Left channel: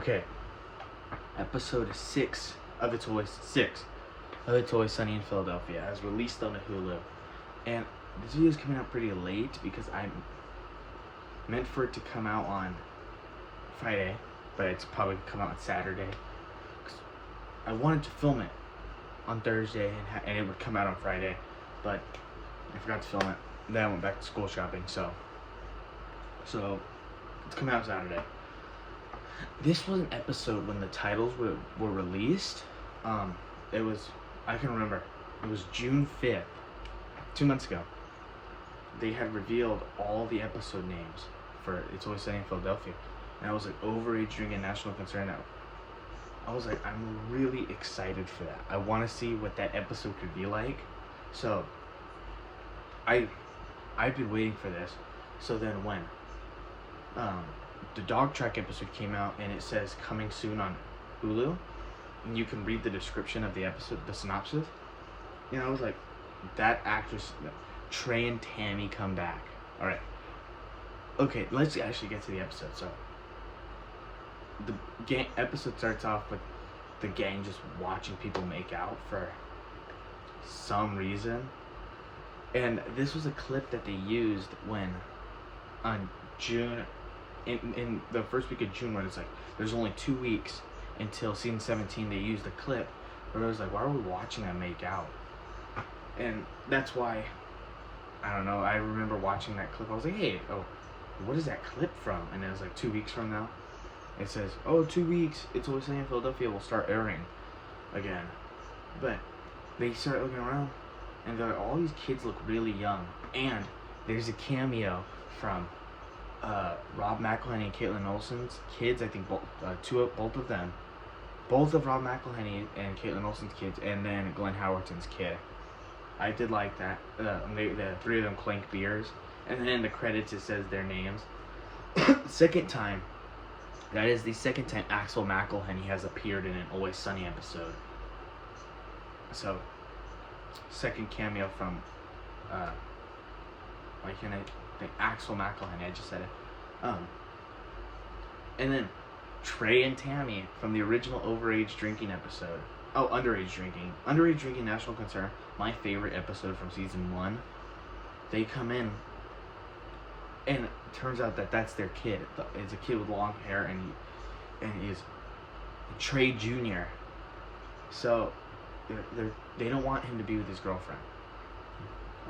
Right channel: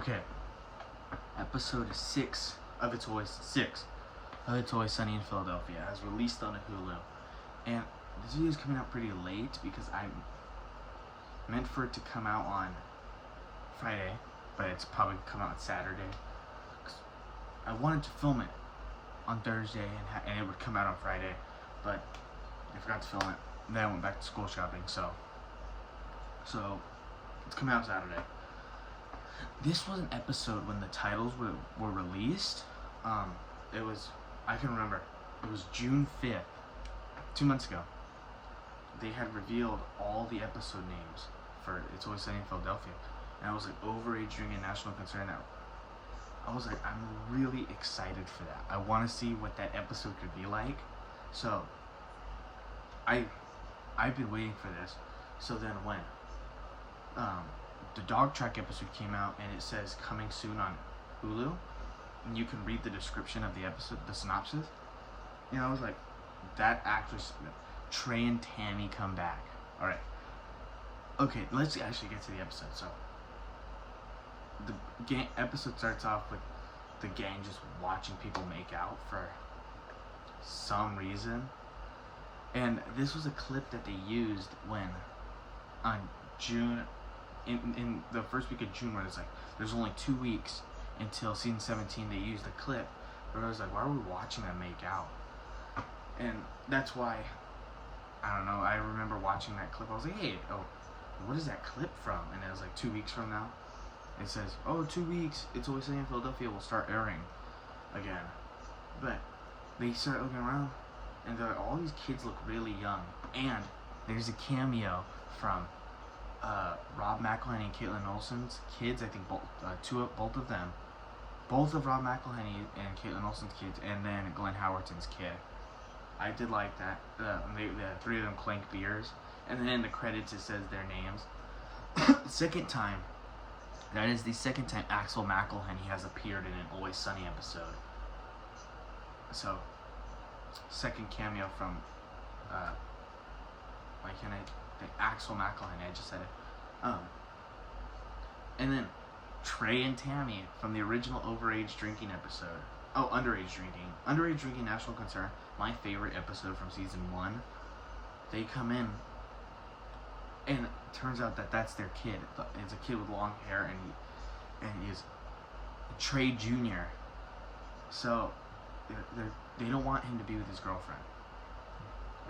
Okay. Episode 6 of It's Always Sunny in Philadelphia has released on the Hulu. And this video is coming out pretty late because I'm meant for it to come out on Friday, but it's probably come out on Saturday. I wanted to film it on Thursday and it would come out on Friday, but I forgot to film it. Then I went back to school shopping, so it's coming out Saturday. This was an episode when the titles were released. It was, I can remember, it was June 5th, 2 months ago. They had revealed all the episode names for It's Always Sunny in Philadelphia. And I was like, overage drinking national concern now. I was like, I'm really excited for that. I want to see what that episode could be like. So, I've been waiting for this. So then when the dog track episode came out and it says coming soon on Hulu, and you can read the description of the episode, the synopsis. You know, I was like, that actress, Trey and Tammy come back. All right. Okay, let's actually get to the episode. So, the episode starts off with the gang just watching people make out for some reason. And this was a clip that they used when on June, in the first week of June, when it's like there's only 2 weeks until season 17. They used a clip where I was like, why are we watching them make out? And that's why, I don't know, I remember watching that clip. I was like, hey, what is that clip from? And it was like 2 weeks from now. It says, 2 weeks, It's Always Sunny in Philadelphia will start airing again. But they start looking around and they're like, all these kids look really young. And there's a cameo from Rob McElhenney and Caitlin Olsen's kids. I think both of them. Both of Rob McElhenney and Caitlin Olsen's kids, and then Glenn Howerton's kid. I did like that. The three of them clank beers. And then in the credits it says their names. Second time. That is the second time Axel McElhenney has appeared in an Always Sunny episode. So, second cameo from, why can't I think Axel McElhenney, I just said it. And then Trey and Tammy from the original overage drinking episode. Underage drinking. Underage drinking national concern. My favorite episode from season 1. They come in, and it turns out that that's their kid. It's a kid with long hair, and he is Trey Jr. So they don't want him to be with his girlfriend.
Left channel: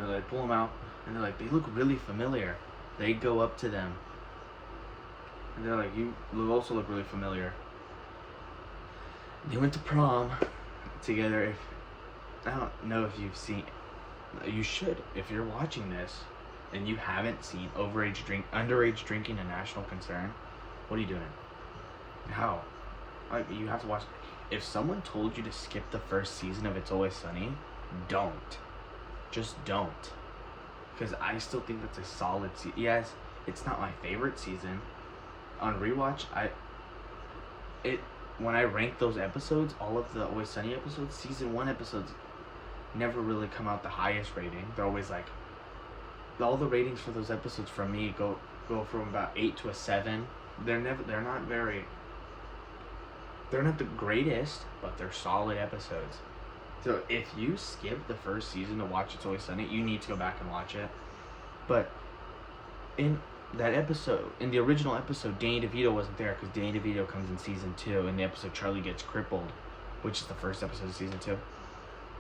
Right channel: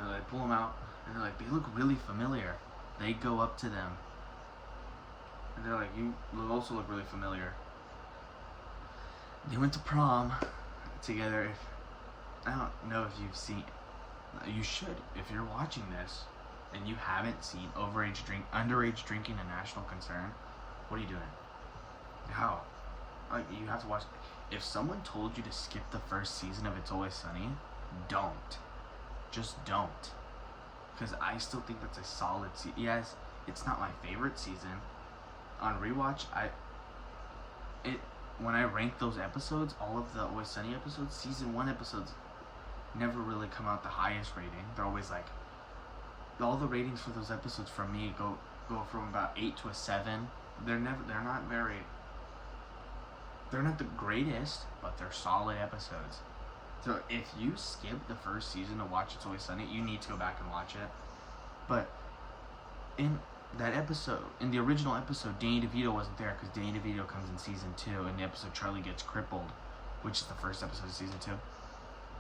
And they pull him out, and they're like, they look really familiar. They go up to them, and they're like, you also look really familiar. They went to prom together. I don't know if you've seen. You should, if you're watching this and you haven't seen underage drinking a national concern. What are you doing? How? You have to watch. If someone told you to skip the first season of It's Always Sunny, don't. Just don't. Because I still think that's a solid season. Yes, it's not my favorite season. On rewatch, when I rank those episodes, all of the Always Sunny episodes, season 1 episodes never really come out the highest rating. They're always like, all the ratings for those episodes from me go from about 8 to a 7. They're not the greatest, but they're solid episodes. So if you skip the first season to watch It's Always Sunny, you need to go back and watch it. But in that episode, in the original episode, Danny DeVito wasn't there because Danny DeVito comes in season 2 in the episode Charlie Gets Crippled, which is the first episode of season 2.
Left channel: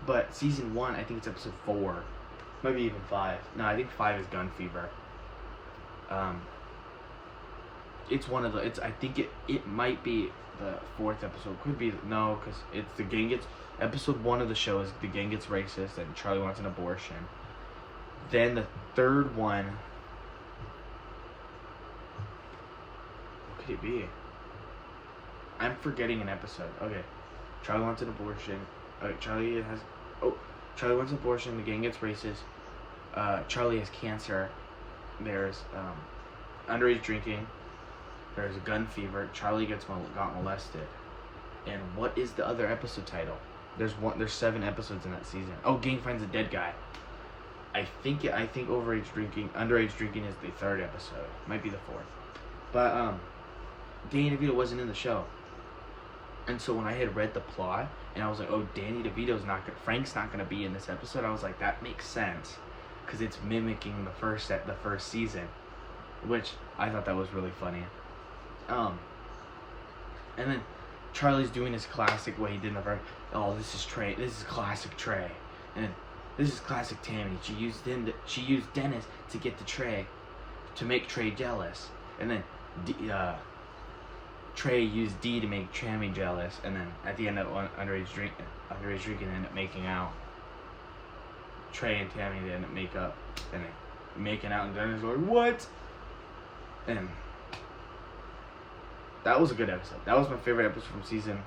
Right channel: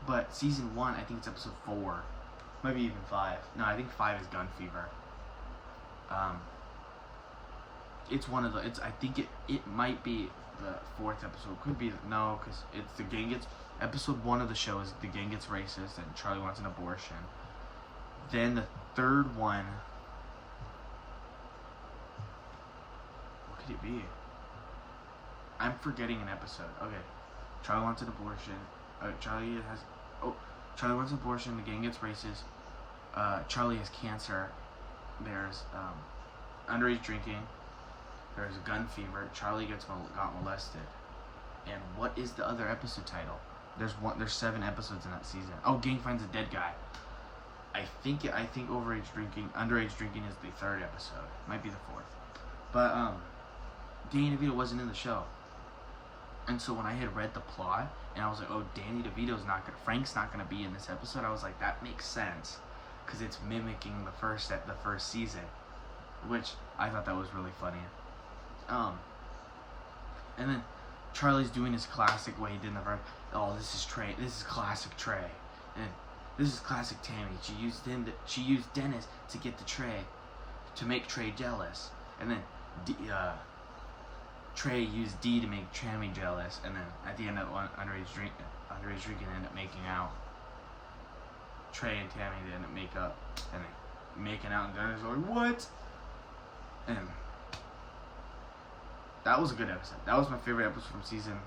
But season 1, I think it's episode 4, maybe even 5. No, I think 5 is Gun Fever. It's one of the. I think it might be the 4th episode. Could be because it's the gang gets. Episode 1 of the show is the gang gets racist and Charlie wants an abortion. Then the 3rd one. What could it be? I'm forgetting an episode. Okay, Charlie wants an abortion. Charlie wants an abortion. The gang gets racist. Charlie has cancer. There's underage drinking. There's a gun fever. Charlie got molested. And what is the other episode title? There's 7 episodes in that season. Gang finds a dead guy. I think underage drinking is the 3rd episode. Might be the 4th. But Danny DeVito wasn't in the show. And so when I had read the plot and I was like, oh, Frank's not gonna be in this episode, I was like, that makes sense, because it's mimicking the first season, which I thought that was really funny. And then Charlie's doing his classic way he did in the first. Oh, this is Trey. This is classic Trey, and this is classic Tammy. She used Dennis to get to Trey, to make Trey jealous, and then Trey used D to make Tammy jealous, and then at the end of underage drinking, they end up making out. Trey and Tammy, they end up making out, and Dennis is like, what? And that was a good episode. That was my favorite episode from season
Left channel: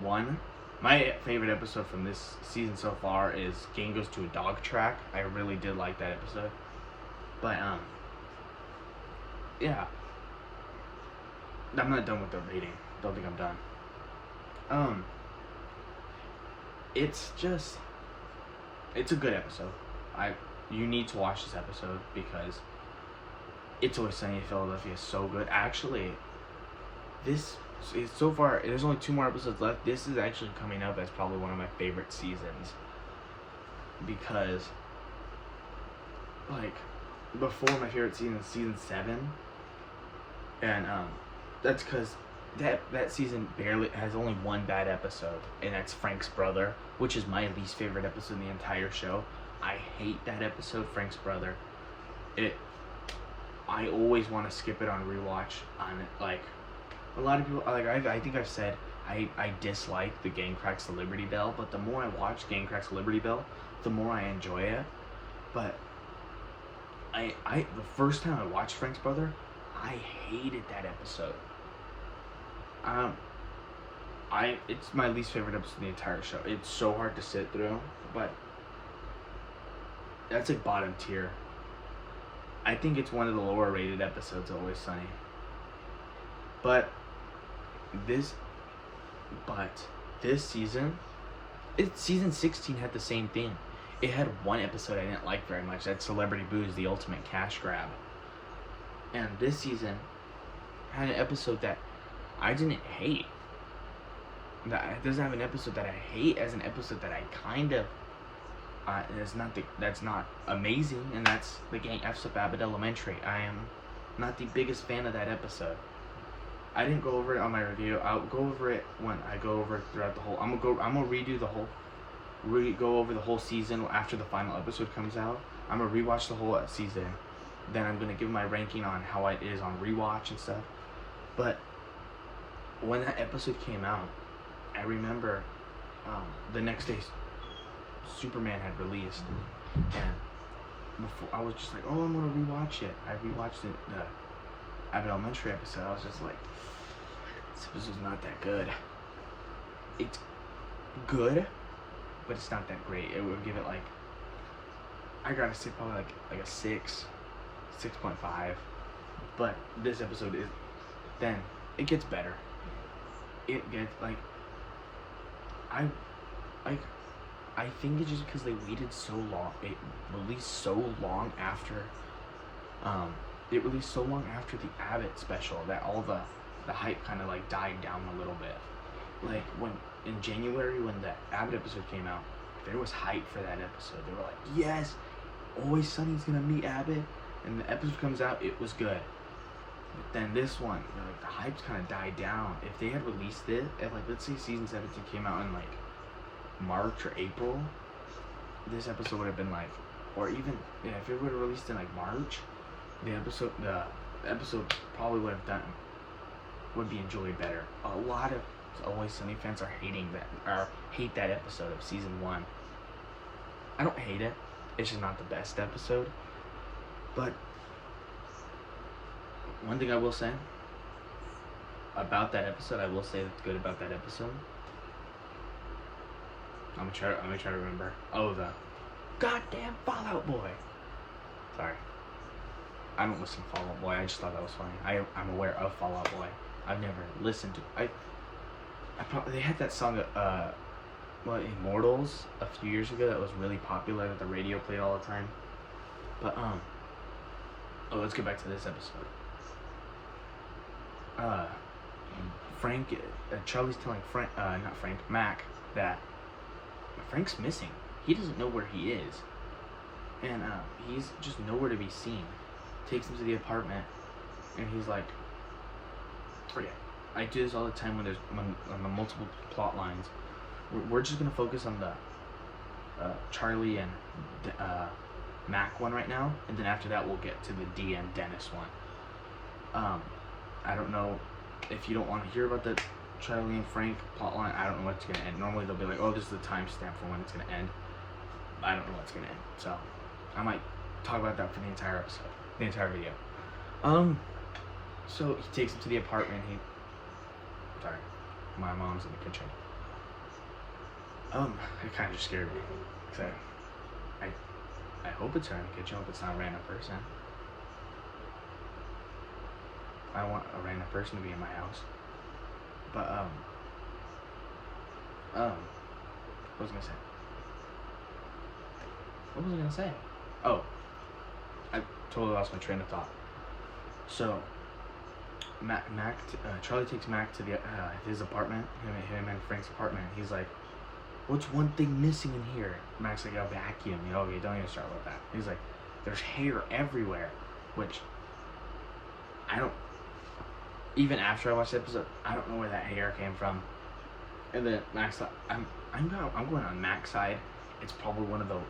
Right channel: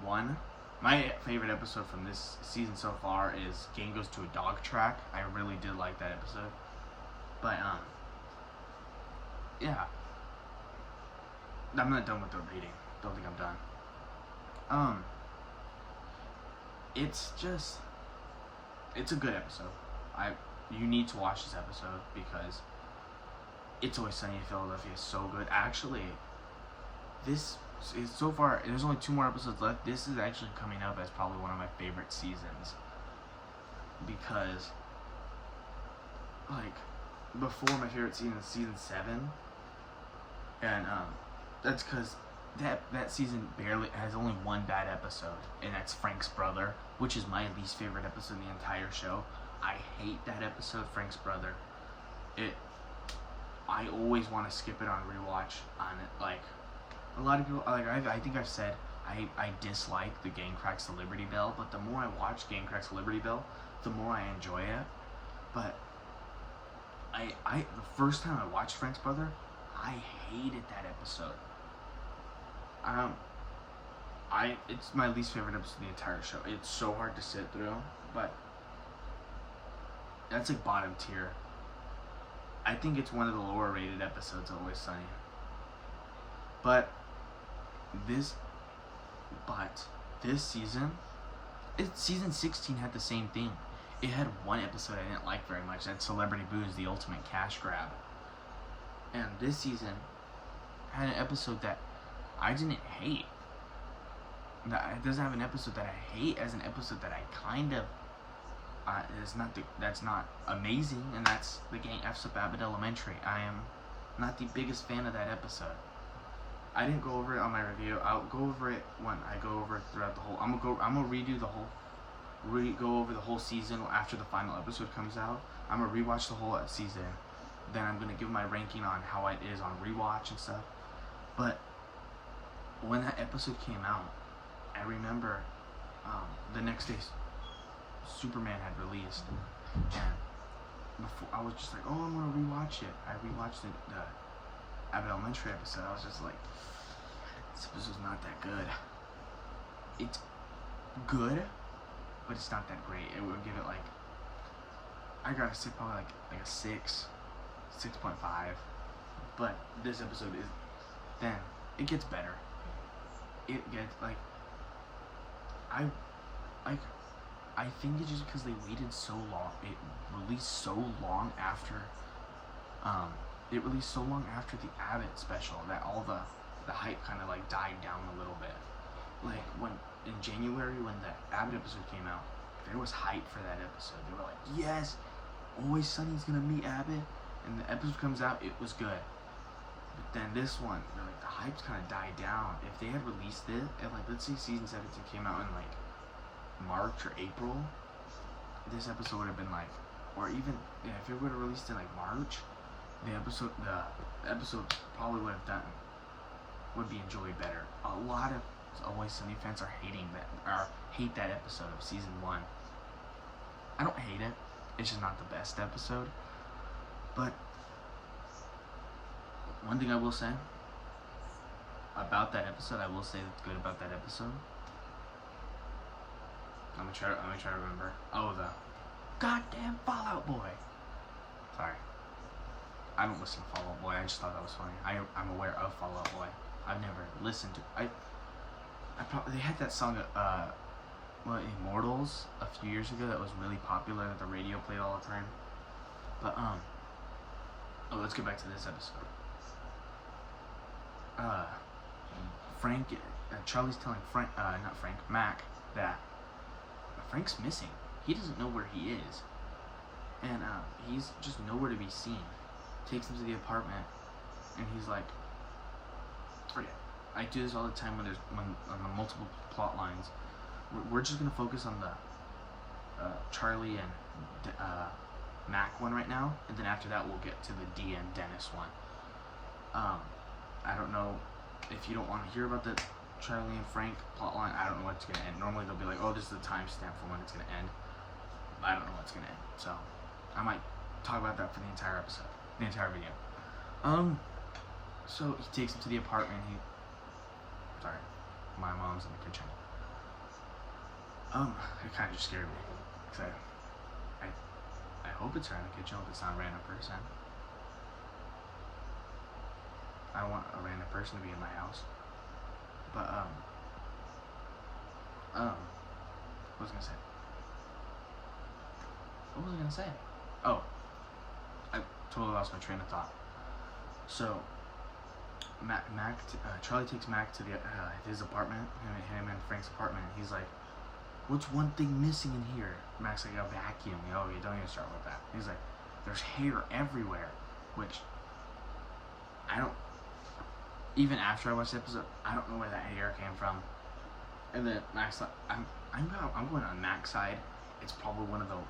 1. My favorite episode from this season so far is Gang Goes to a Dog Track. I really did like that episode. But, yeah. I'm not done with the rating. Don't think I'm done. It's a good episode. You need to watch this episode because It's Always Sunny in Philadelphia is so good. Actually, this is so far, there's only 2 more episodes left. This is actually coming up as probably one of my favorite seasons, because like before, my favorite season is season 7, and that's because that season barely has only 1 bad episode, and that's Frank's brother, which is my least favorite episode in the entire show. I hate that episode, Frank's brother. I always want to skip it on rewatch. On it, like a lot of people, like I think I've said I dislike the Gang Cracks the Liberty Bell, but the more I watch Gang Cracks the Liberty Bell, the more I enjoy it. But the first time I watched Frank's brother, I hated that episode. It's my least favorite episode in the entire show. It's so hard to sit through, but that's like bottom tier. I think it's one of the lower rated episodes of Always Sunny. But this season, season 16 had the same thing. It had 1 episode I didn't like very much. That's Celebrity Booze, the ultimate cash grab. And this season had an episode that I didn't hate. It doesn't have an episode that I hate as an episode that I kind of that's not amazing, and that's the Gang F's Up Abbott Elementary. I am not the biggest fan of that episode. I didn't go over it on my review. I'll go over it when I go over it throughout the whole. I'm gonna redo the whole, go over the whole season after the final episode comes out. I'm gonna rewatch the whole season. Then I'm gonna give my ranking on how it is on rewatch and stuff. But when that episode came out, I remember the next day Superman had released, and before I was just like, oh, I'm gonna rewatch it. I rewatched the Abbott Elementary episode. I was just like, this episode's not that good. It's good, but it's not that great. It would give it like, I gotta say probably like a 6.5. But this episode is, then it gets better. It gets like, I think it's just because they waited so long. It released so long after the Abbott special that all the hype kind of like died down a little bit. Like when in January, when the Abbott episode came out, there was hype for that episode. They were like, yes, Always Sunny's gonna meet Abbott, and the episode comes out, it was good. But then this one, you know, like the hype's kind of died down. If they had released it, like let's say season 17 came out in like March or April, this episode would have been like, or even if it would have released in like March, the episode probably would be enjoyed better. A lot of Always Sunny fans are hate that episode of season 1. I don't hate it. It's just not the best episode. But one thing I will say about that episode, I will say that's good about that episode. I'm gonna try to remember. Oh, the goddamn Fall Out Boy. Sorry, I don't listen to Fall Out Boy. I just thought that was funny. I'm aware of Fall Out Boy. I've never listened to. They had that song, Immortals, a few years ago that was really popular that the radio played all the time. But let's get back to this episode. Charlie's telling Mac, that Frank's missing. He doesn't know where he is, and he's just nowhere to be seen. Takes him to the apartment, and he's like, "Okay, I do this all the time when on the multiple plot lines. We're just gonna focus on the Charlie and Mac one right now, and then after that we'll get to the D and Dennis one. I don't know if you don't want to hear about the Charlie and Frank plotline. I don't know what's gonna end. Normally they'll be like, oh, this is the timestamp for when it's gonna end. I don't know what's gonna end, so I might talk about that for the entire episode, the entire video. So he takes him to the apartment. Sorry, my mom's in the kitchen. It kind of just scared me, cause I hope it's her in the kitchen. I hope it's not a random person. I want a random person to be in my house. But what was I gonna say? Oh, I totally lost my train of thought. So Charlie takes Mac to his apartment, him and Frank's apartment. He's like, "What's one thing missing in here?" Mac's like, "A vacuum." Okay, don't even start with that. He's like, "There's hair everywhere," which I don't. Even after I watched the episode, I don't know where that hair came from. And then Mac's like, I'm going on Mac's side. It's probably one of the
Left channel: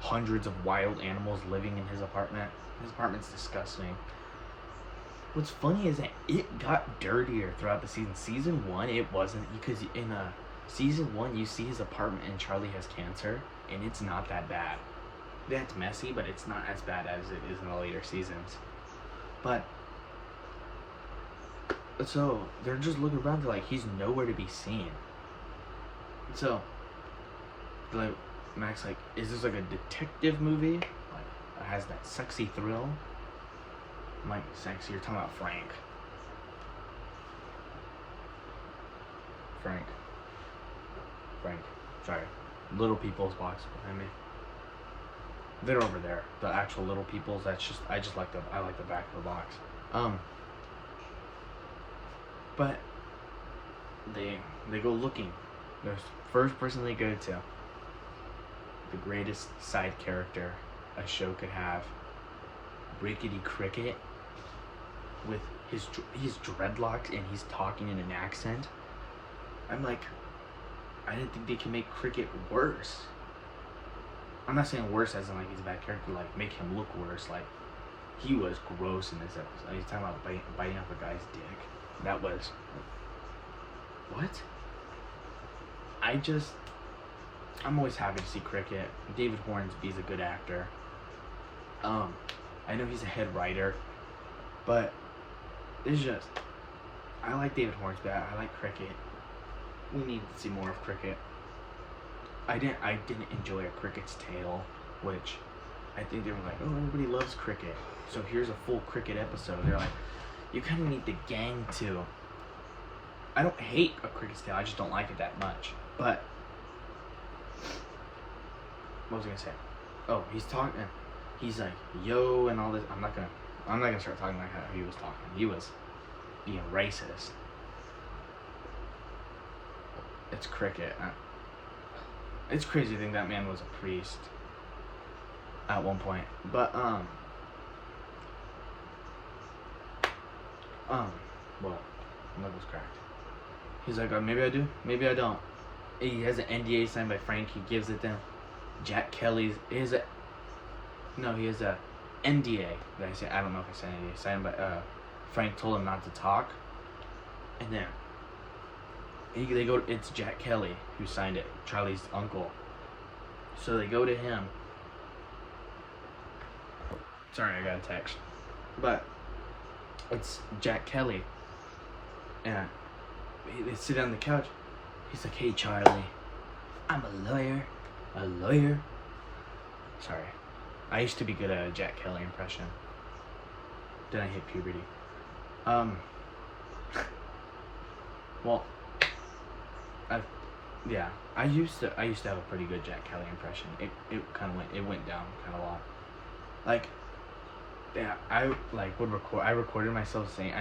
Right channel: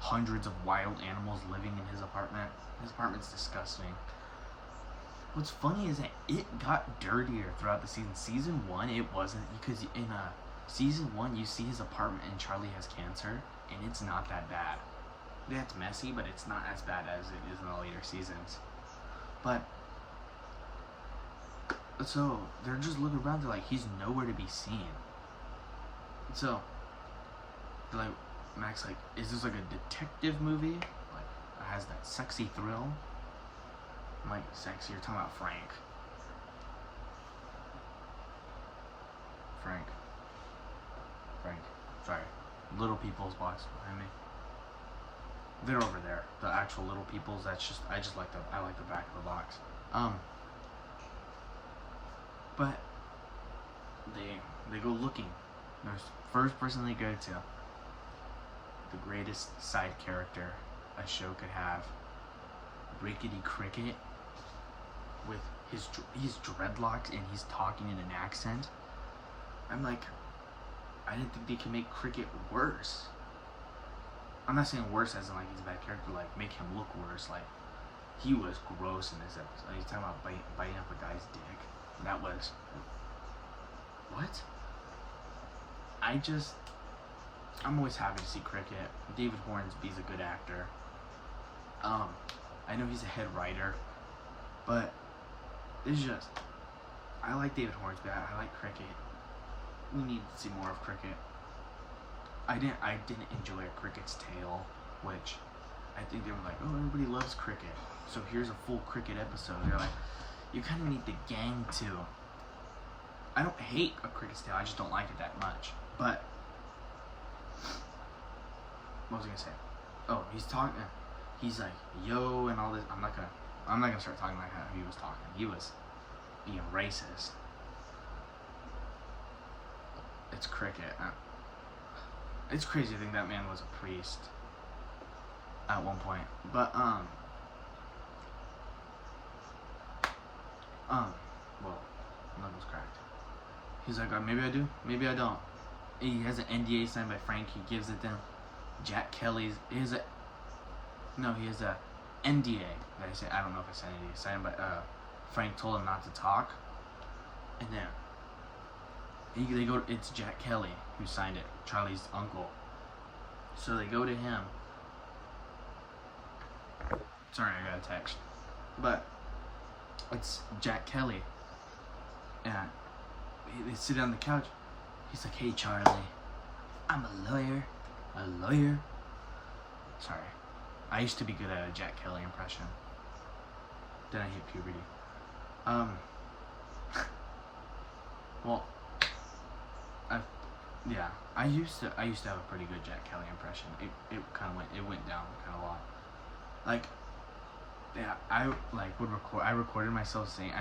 hundreds of wild animals living in his apartment. His apartment's disgusting. What's funny is that it got dirtier throughout the season. Season 1, it wasn't, because in season 1, you see his apartment and Charlie has cancer, and it's not that bad. That's messy, but it's not as bad as it is in the later seasons. But so they're just looking around. They're like, he's nowhere to be seen. So like, Mac's like, is this like a detective movie? Like, that has that sexy thrill? I'm like, sexy? You're talking about Frank. Sorry. Little People's box behind me. They're over there. The actual Little People's. I like the back of the box. But they go looking. The first person they go to, the greatest side character a show could have, Rickety Cricket, with his dreadlocks, and he's talking in an accent. I'm like, I didn't think they could make Cricket worse. I'm not saying worse as in like he's a bad character, like make him look worse. Like, he was gross in this episode. He's talking about biting off a guy's dick. That was, what? I'm always happy to see Cricket. David Hornsby's a good actor. I know he's a head writer, but it's just, I like David Hornsby. I like Cricket. We need to see more of Cricket. I didn't enjoy A Cricket's Tale, which I think they were like, oh, everybody loves Cricket, so here's a full Cricket episode. They're like, you kind of need the gang too. I don't hate A Cricket's Tale, I just don't like it that much. But what was I gonna say? Oh, he's talking. He's like, yo, and all this. I'm not gonna start talking like how he was talking. He was being racist. It's Cricket. It's crazy to think that man was a priest at one point. But well, my was cracked. He's like, maybe I do, maybe I don't. He has an NDA signed by Frank. He gives it to him. Jack Kelly's. He has a NDA. That I say, I don't know if I said NDA signed, but Frank told him not to talk. And then they go. It's Jack Kelly who signed it. Charlie's uncle. So they go to him. Sorry, I got a text. But it's Jack Kelly. And they sit on the couch. He's like, hey, Charlie, I'm a lawyer. Sorry. I used to be good at a Jack Kelly impression. Then I hit puberty. Well, I used to have a pretty good Jack Kelly impression. It kind of went down kind of a lot. Like, yeah, I recorded myself saying,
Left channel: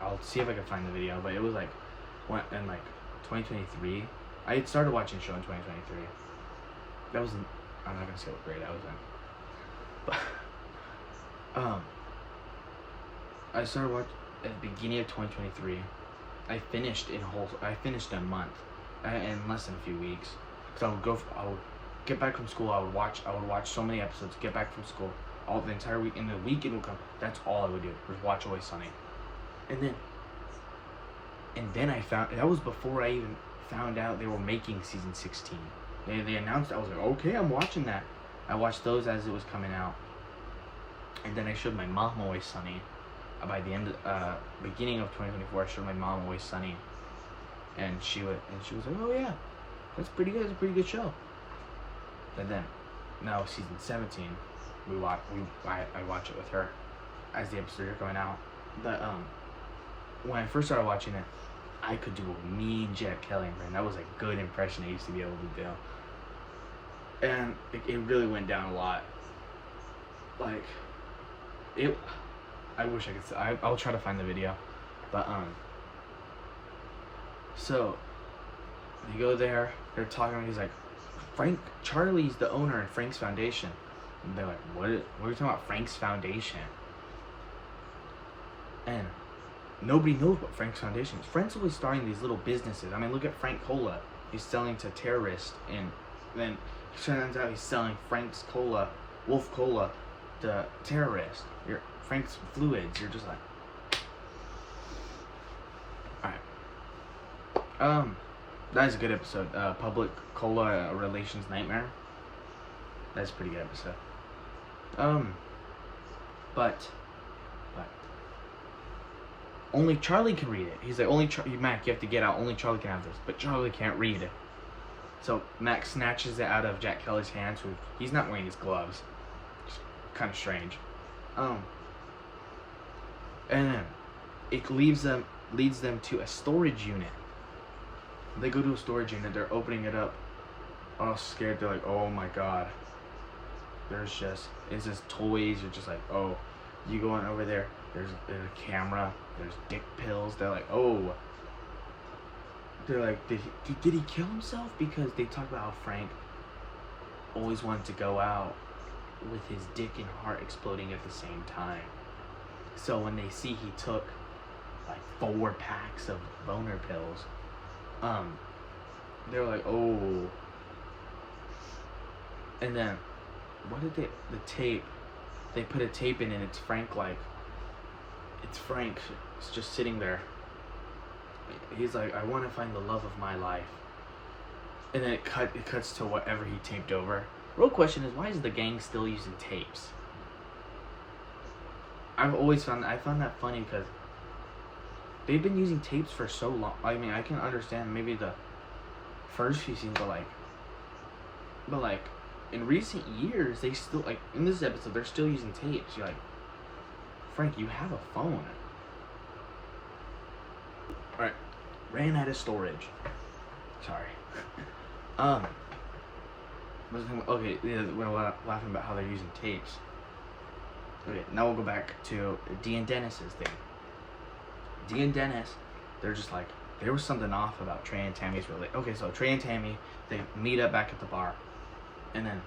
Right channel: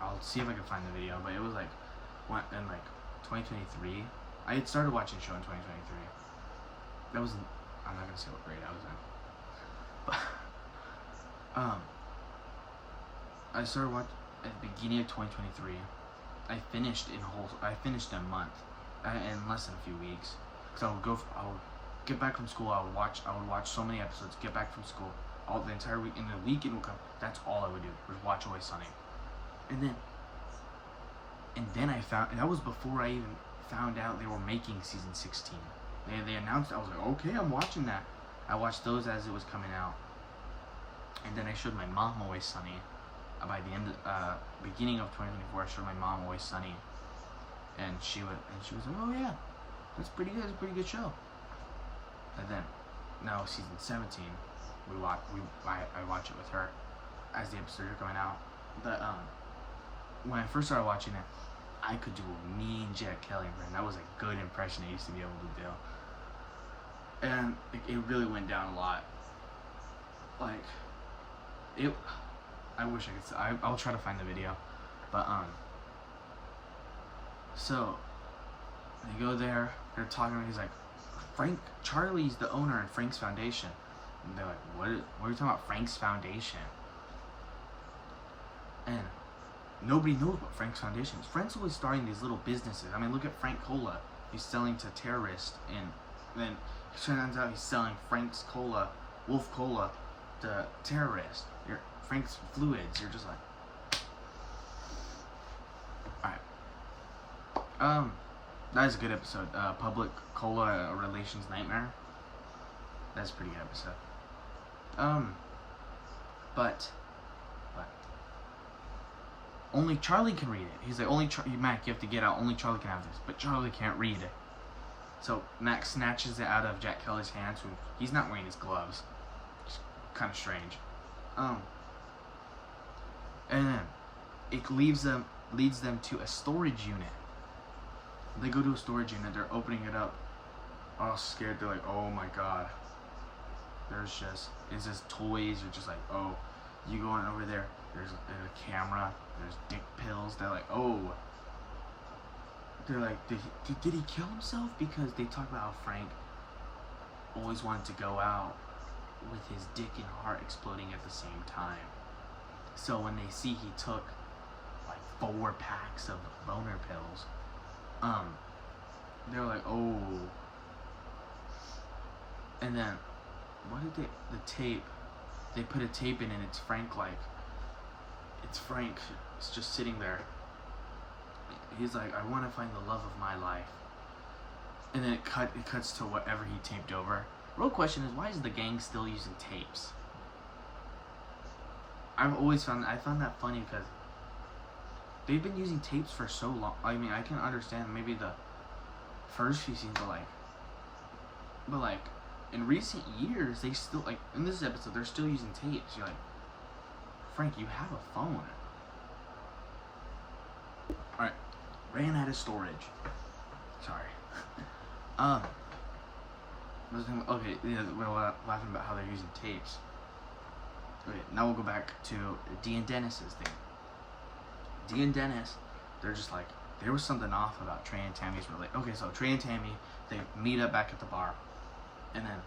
I'll see if I can find the video, but it was like, when in like 2023. I had started watching the show in 2023. That was in, I'm not gonna say what grade I was in, but I started watching at the beginning of 2023. I finished in a month, in less than a few weeks. Cause I would get back from school. I would watch so many episodes. Get back from school, all the entire week. In the weekend would come. That's all I would do was watch Always Sunny. And then I found, that was before I even found out they were making season 16. They announced. I was like, okay, I'm watching that. I watched those as it was coming out. And then I showed my mom Always Sunny. By the beginning of 2024, I showed my mom Always Sunny, and she was like, "Oh yeah, that's pretty good. It's a pretty good show." But then, now season 17, I watch it with her as the episodes are coming out. But when I first started watching it, I could do a mean Jack Kelly impression. That was a good impression I used to be able to do, and it really went down a lot. Like it. I wish I could. I'll try to find the video, but so they go there. They're talking. He's like, Charlie's the owner in Frank's Foundation. And they're like, what are you talking about, Frank's Foundation? And nobody knows what Frank's Foundation is. Frank's always starting these little businesses. I mean, look at Frank Cola. He's selling to terrorists, and then it turns out he's selling Frank's Cola, Wolf Cola, to terrorists. Frank's Fluids. You're just like, alright. That is a good episode. Public Cola Relations Nightmare. That's a pretty good episode. But only Charlie can read it. He's like, Mac, you have to get out. Only Charlie can have this. But Charlie can't read. So Mac snatches it out of Jack Kelly's hands. He's not wearing his gloves. It's kind of strange. And then it leads them to a storage unit. They go to a storage unit. They're opening it up, all scared. They're like, oh my god. It's just toys. You're just like, oh, you go in over there. There's a camera. There's dick pills. They're like, oh. They're like, did he kill himself? Because they talk about how Frank always wanted to go out with his dick and heart exploding at the same time. So when they see he took like 4 packs of boner pills, they're like, oh. And then, the tape, they put a tape in and it's Frank it's just sitting there. He's like, I want to find the love of my life. And then it cuts to whatever he taped over. Real question is, why is the gang still using tapes? I found that funny because they've been using tapes for so long. I mean, I can understand maybe the first few scenes, but like in recent years, they still, like in this episode, they're still using tapes. You're like, Frank, you have a phone. All right, ran out of storage. Sorry. Okay, yeah, we're laughing about how they're using tapes. Okay, now we'll go back to Dee and Dennis's thing. Dee and Dennis, they're just like, there was something off about Trey and Tammy's relationship. Okay, so Trey and Tammy, they meet up back at the bar, and then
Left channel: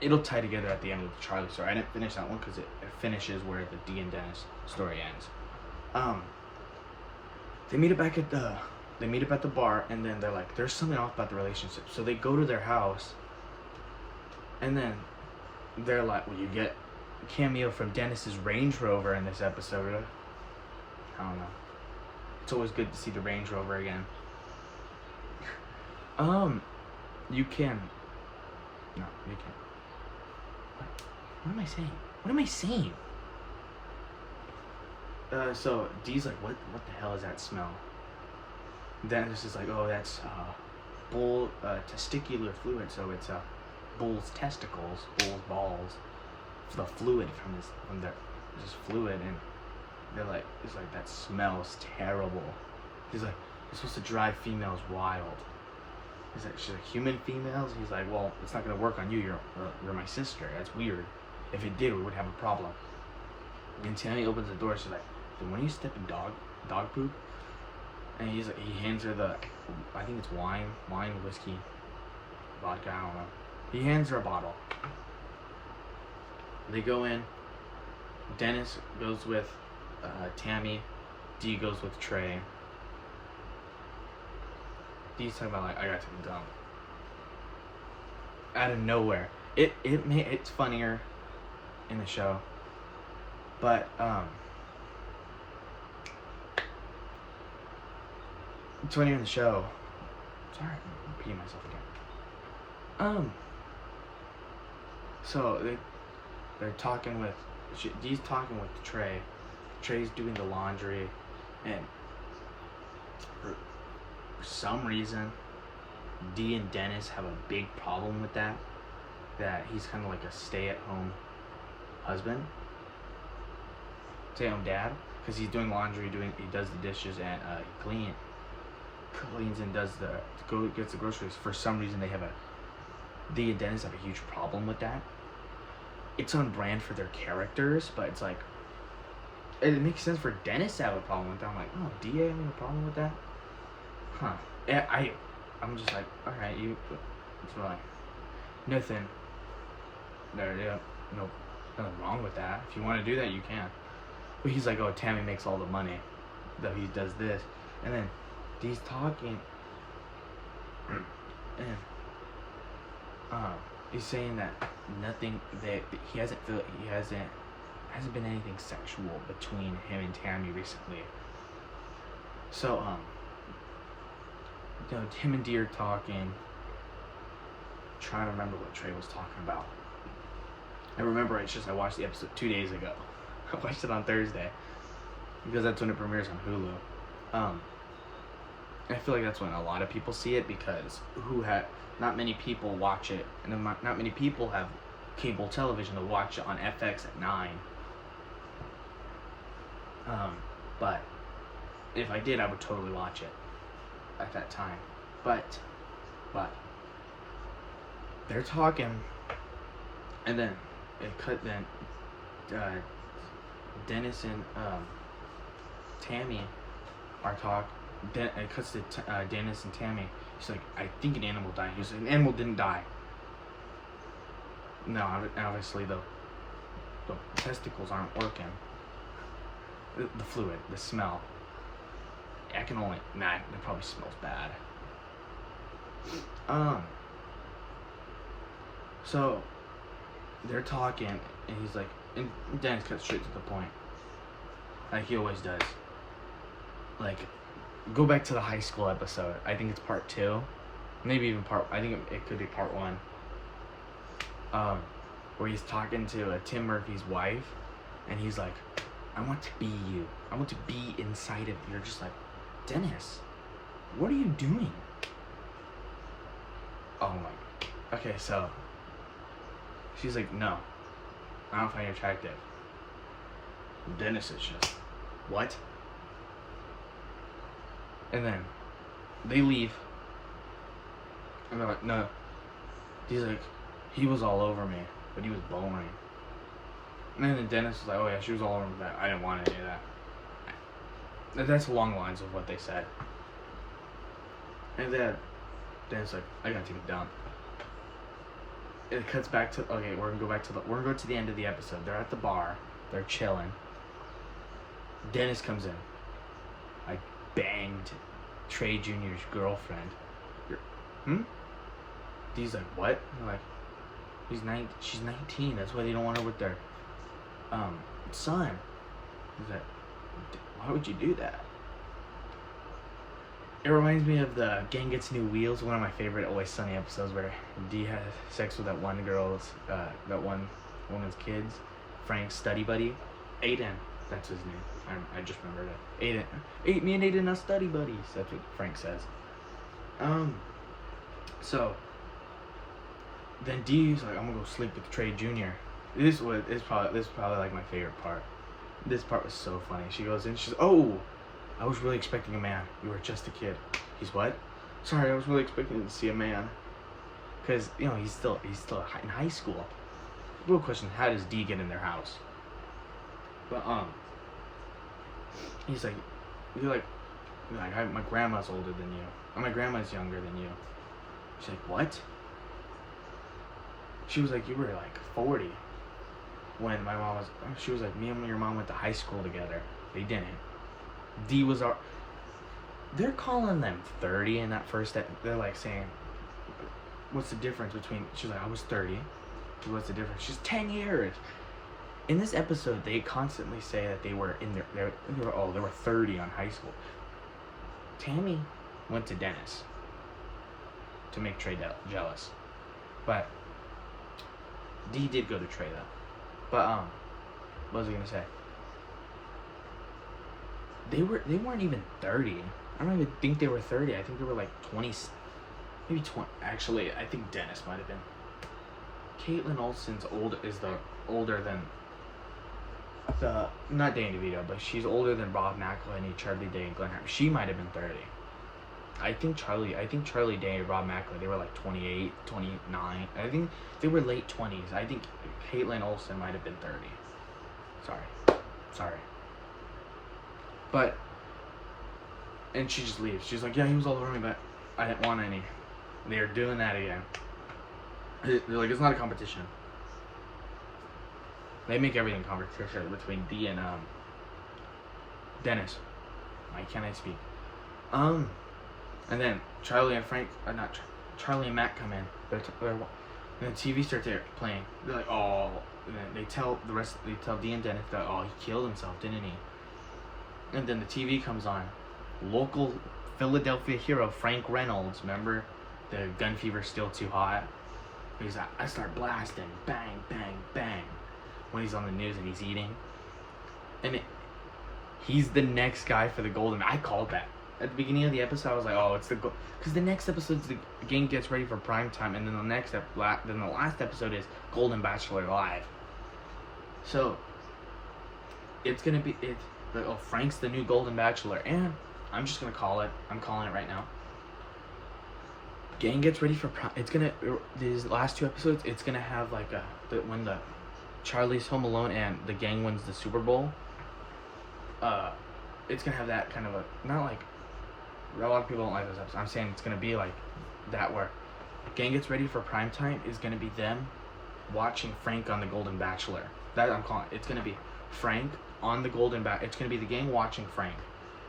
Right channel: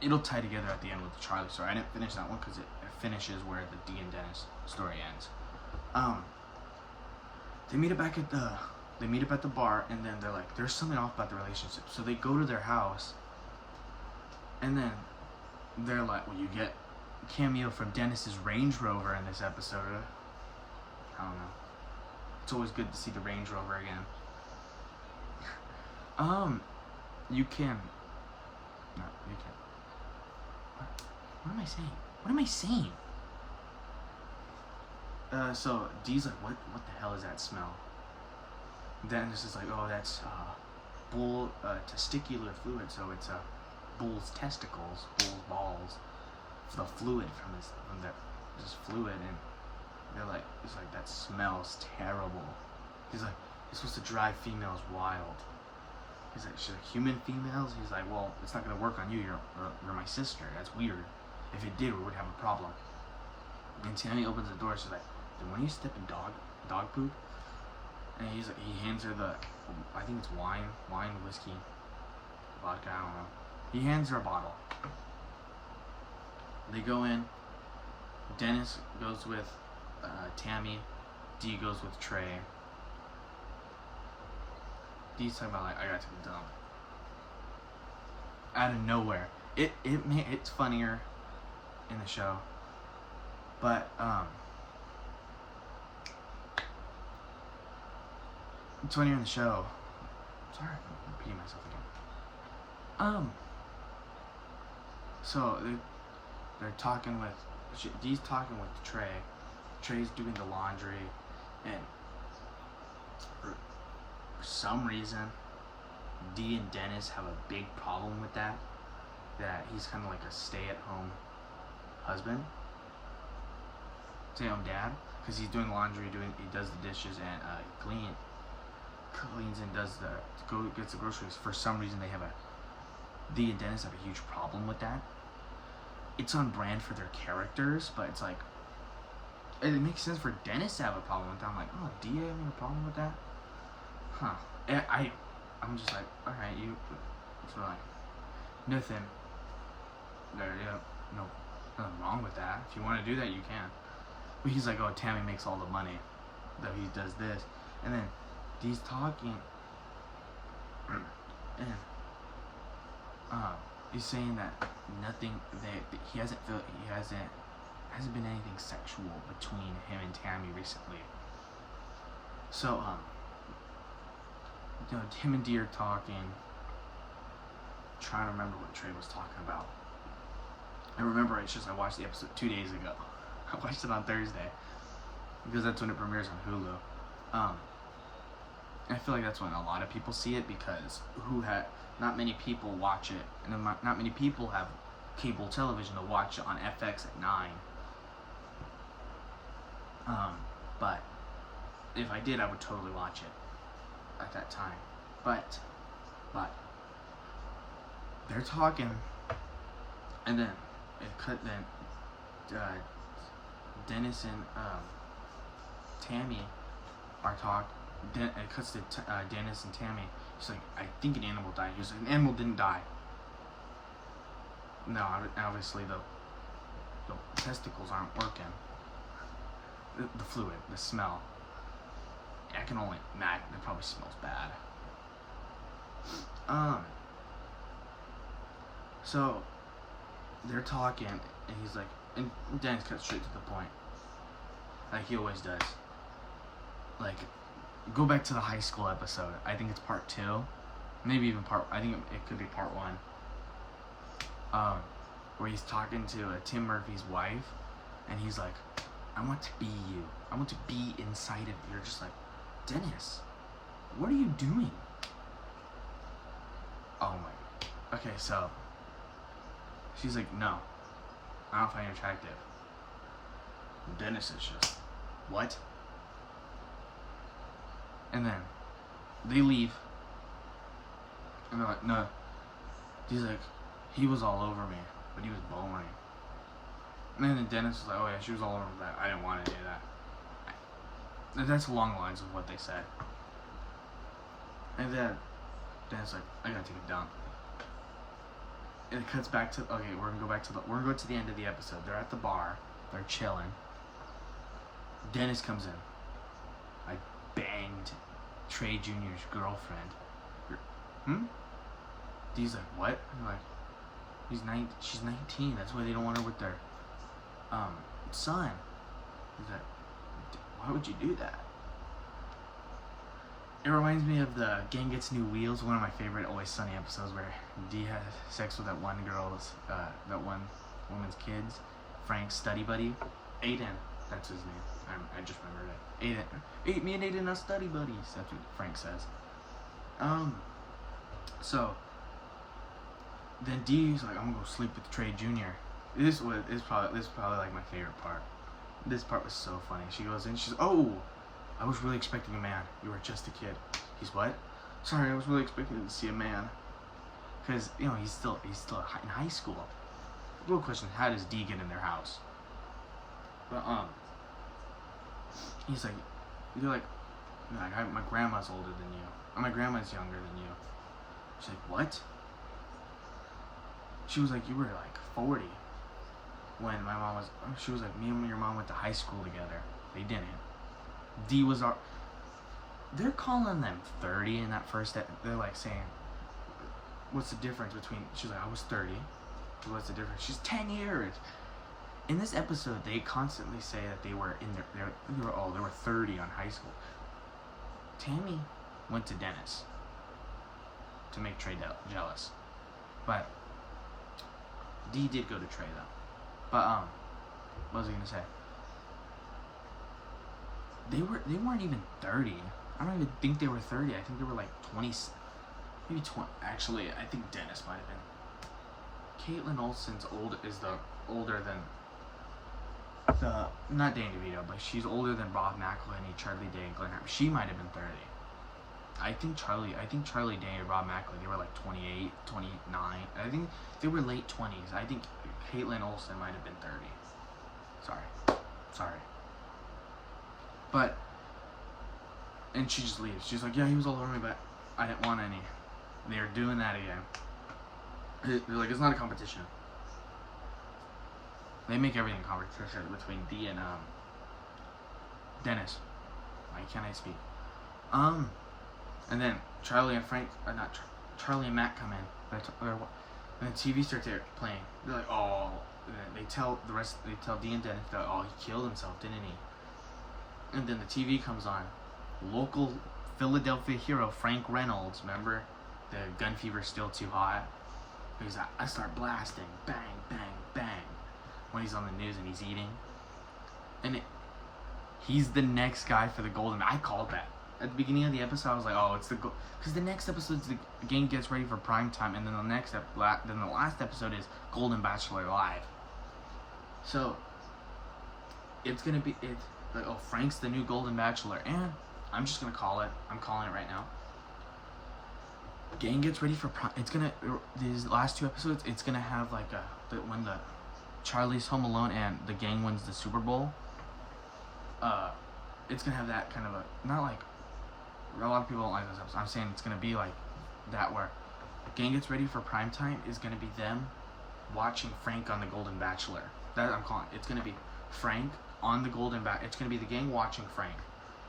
it'll tie together at the end with the Charlie story. I didn't finish that one because it finishes where the Dee and Dennis story ends. They meet up at the bar, and then they're like, there's something off about the relationship. So they go to their house, and then they're like, well, you get a cameo from Dennis's Range Rover in this episode. I don't know. It's always good to see the Range Rover again. You can. No, you can. What am I saying? What am I saying? So Dee's like, what the hell is that smell? Dennis is like, oh, that's bull testicular fluid. So it's bull's testicles, bull's balls, the fluid from their just fluid, and they're like, it's like, that smells terrible. He's like, you're supposed to drive females wild. He's like, she's like, human females? He's like, well, it's not gonna work on you. You're my sister. That's weird. If it did, we would have a problem. And Tammy opens the door. She's like, did one of you step in dog poop? And he hands her the, I think it's wine, whiskey, vodka, I don't know. He hands her a bottle. They go in. Dennis goes with Tammy. Dee goes with Trey. Dee's talking about like, I got to the dump. Out of nowhere. It's funnier in the show. But it's funnier in the show. Sorry, I'm repeating myself again. So they're talking with Dee's talking with Trey. Trey's doing the laundry, and for some reason, Dee and Dennis have a big problem with that. That he's kind of like a stay-at-home husband, stay-at-home dad, because he's doing laundry, he does the dishes, and he cleans and gets the groceries. For some reason, Dee and Dennis have a huge problem with that. It's on brand for their characters, but it's like, it makes sense for Dennis to have a problem with that. I'm like, oh, Dee having a problem with that? Huh. I'm just like, alright, it's like, nothing. Nothing wrong with that. If you want to do that, you can. But he's like, oh, Tammy makes all the money. That he does this. And then Dee's talking, and he's saying that nothing, that he hasn't been anything sexual between him and Tammy recently. So him and Dee are talking, trying to remember what Trey was talking about. I remember it's just I watched the episode 2 days ago. I watched it on Thursday because that's when it premieres on Hulu. I feel like that's when a lot of people see it, because not many people watch it, and not many people have cable television to watch it on FX at 9. But if I did, I would totally watch it at that time. But they're talking, and then Dennis and Tammy are talking. It cuts to Dennis and Tammy. He's like, I think an animal died. He's like, an animal didn't die. No, obviously the testicles aren't working. The fluid, the smell. That probably smells bad. So they're talking, and he's like, and Dennis cuts straight to the point, like he always does. Like, go back to the high school episode. I think it's part 2, maybe even I think it could be part 1. Where he's talking to Tim Murphy's wife, and he's like, I want to be you. I want to be inside of you. You're just like, Dennis, what are you doing? Oh my God. Okay, so she's like, no, I don't find you attractive. Dennis is just, what? And then they leave, and they're like, no. He's like, he was all over me, but he was boring. And then Dennis was like, oh yeah, she was all over me, but I didn't want any of that. That's along the lines of what they said. And then Dennis like, I gotta take a dump. And it cuts back to, okay, we're gonna go to the end of the episode. They're at the bar, they're chilling. Dennis comes in. I banged Trey Jr.'s girlfriend. He's like, what? I'm like, she's 19. That's why they don't want her with their son. He's like, why would you do that? It reminds me of the Gang Gets New Wheels, one of my favorite Always Sunny episodes, where Dee has sex with that one woman's kids, Frank's study buddy, Aiden. That's his name. I just remembered it. Aiden. Me and Aiden are study buddies. That's what Frank says. So then Dee's like, I'm gonna go sleep with Trey Jr. This is probably like my favorite part. This part was so funny. She goes in, she's, oh, I was really expecting a man. You were just a kid. He's what? Sorry, I was really expecting to see a man. Because, he's still in high school. Real question, how does Dee get in their house? But, he's like, Like, my grandma's older than you. Or my grandma's younger than you. She's like, what? She was like, you were like 40 when my mom was. She was like, me and your mom went to high school together. They didn't. D was our. They're calling them 30 in that first. They're like saying, what's the difference between? She's like, I was 30. What's the difference? She's 10 years. In this episode, they constantly say that they were in their. They were 30 on high school. Tammy went to Dennis to make Trey jealous, but D did go to Trey though. But what was I gonna say? They weren't even 30. I don't even think they were 30. I think they were like 20, maybe 20. Actually, I think Dennis might have been. Caitlin Olsen's older than the not Danny DeVito, but she's older than Rob McElhenney, Charlie Day, and Glenn Hamm. She might have been 30. I think Charlie Day and Rob McElhenney, they were like 28, 29. I think they were late 20s. I think Caitlin Olsen might have been 30. Sorry. But, and she just leaves. She's like, yeah, he was all over me, but I didn't want any. They're doing that again. They're like, it's not a competition. They make everything competition between D and Dennis. Why can't I speak? And then Charlie and Frank, Charlie and Matt come in. And the TV starts playing. They're like, oh. And then they tell D and Dennis that, oh, he killed himself, didn't he? And then the TV comes on. Local Philadelphia hero Frank Reynolds. Remember, the gun fever's still too hot. He's like, I start blasting, bang, bang, bang, when he's on the news and he's eating. And he's the next guy for the golden. I called that at the beginning of the episode. I was like, oh, it's the goal, because the next episode's the game gets ready for prime time, and then the last episode is Golden Bachelor Live. So it's gonna be like, oh, Frank's the new Golden Bachelor, and I'm just gonna call it. I'm calling it right now. Gang gets ready for prime. It's gonna, these last two episodes, it's gonna have like when the Charlie's home alone and the gang wins the Super Bowl. It's gonna have that kind of not like, a lot of people don't like this episode. I'm saying it's gonna be like that, where gang gets ready for prime time is gonna be them watching Frank on the Golden Bachelor. That I'm calling it. It's gonna be Frank on the Golden Bachelor. It's gonna be the gang watching Frank.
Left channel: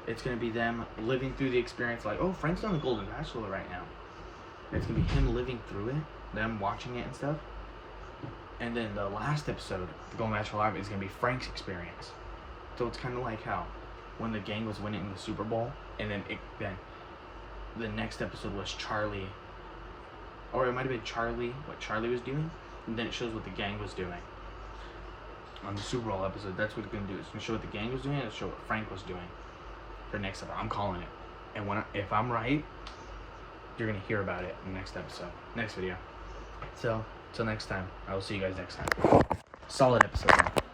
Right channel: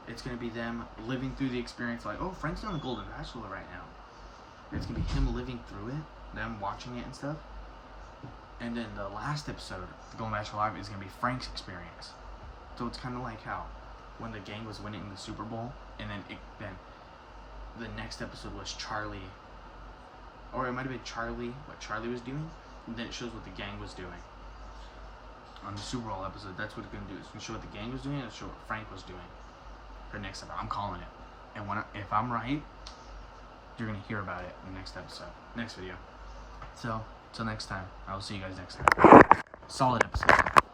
It's gonna be them living through the experience, like, oh, Frank's on the Golden Bachelor right now. It's gonna be him living through it, them watching it and stuff. And then the last episode, the Golden Bachelor Live, is gonna be Frank's experience. So it's kind of like how when the gang was winning the Super Bowl, and then the next episode was Charlie, or it might have been Charlie, what Charlie was doing, and then it shows what the gang was doing. On the Super Bowl episode, that's what it's gonna do. It's gonna show what the gang was doing, and it'll show what Frank was doing. For next episode, I'm calling it. And if I'm right, you're gonna hear about it in the next episode, next video. So, till next time, I will see you guys next time. Solid episode.